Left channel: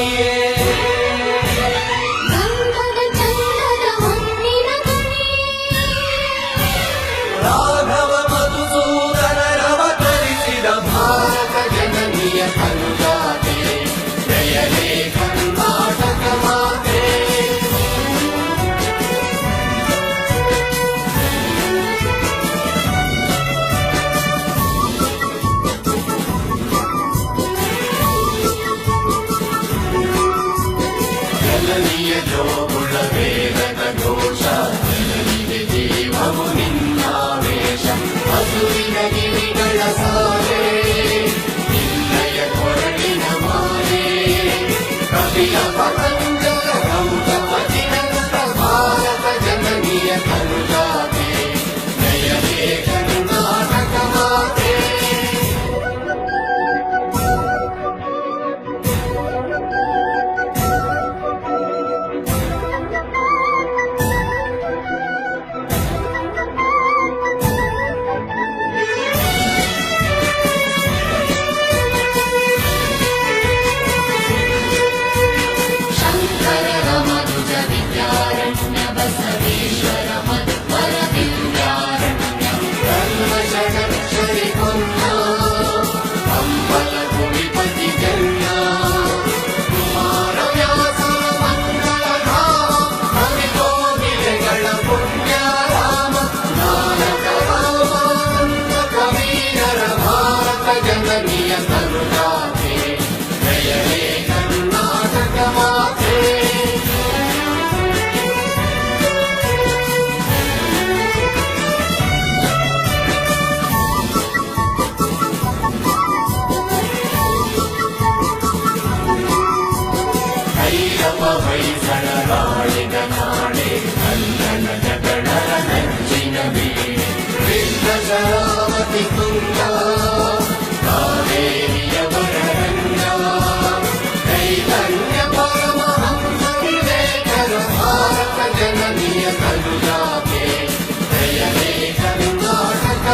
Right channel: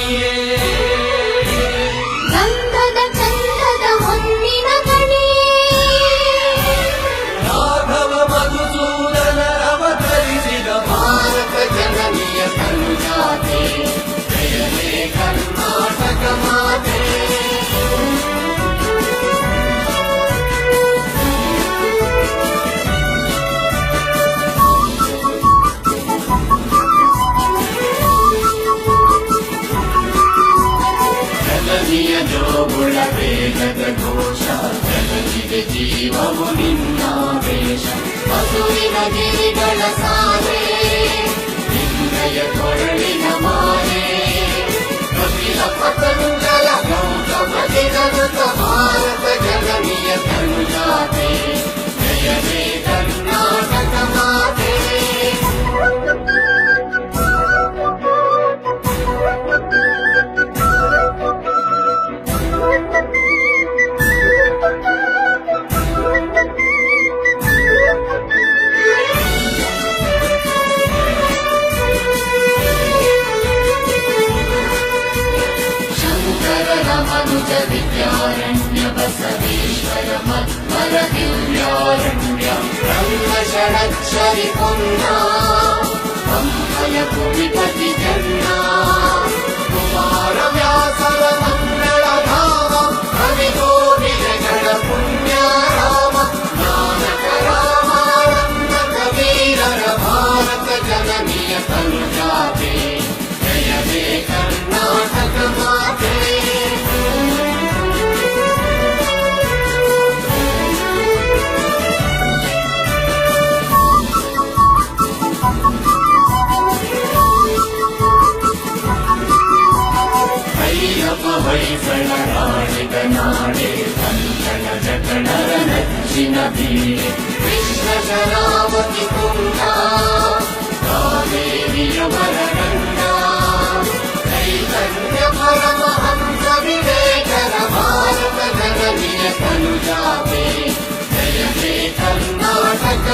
ರಾಣಿಯೇ ಗಂಧದ ಚಂದದ ಹೊನ್ನಿನ ಕಣೆ ರಾಘವ ಮಧುಸೂದನರವತರಿಸಿದ ಭಾರತ ಜನನಿಯ ಸಂಜಾತೆ ಜಯನೇ ಕರ್ನಾಟಕ ಮಾತೆ ಜನನಿಯ ಜೋಗುಳ ವೇಗದ ಘೋಷ ಜನನಿಗೆ ಜೀವವು ನಿನ್ನಾವೇಶ ಹಸುರಿನ ಗಿರಿಗಳ ಸಾಲೆ ನಿನ್ನಯ ಕೊರಳಿನ ಮಾಲೆ ಕವಿಯ ಪತಂಜಲ ಗೌತಮ ಗಿರಗುತ ಭಾರತ ಜನನಿಯ ಸಂಜಾತೆ ಜಯನೇ ಕರ್ನಾಟಕ ಮಾತೆ विद्यारण्य बसवेश्वर मध्वर दिव्यारण्य षडक्षरि पुन्ना कंबल कुविपति जन्ना कुमार व्यासर मंगल धाम कवि गोविजगण पुण्य राम नानक रामानंद कबीरर भारत जननीय संजाते जयने कर्नाटक माते ಹೊಯ್ಸಳರಾಳಿದ ನಾಡೆ ಕಲ್ಲಣ ಜಗಳರ ನಚ್ಚಿನ ಬೀಡೆ ವಿಶ್ವಶರಾವತಿ ಕುಂಠ ಕಾವೇರಿಯವರ ರಂಗ ಚೈತನ್ಯ ಪರಮಹಂಸ ವಿವೇಕನ ಭಾರತ ಜನನಿಯ ತನುಜಾತೆ ಜಯ ಹೇ ಕರ್ನಾಟಕ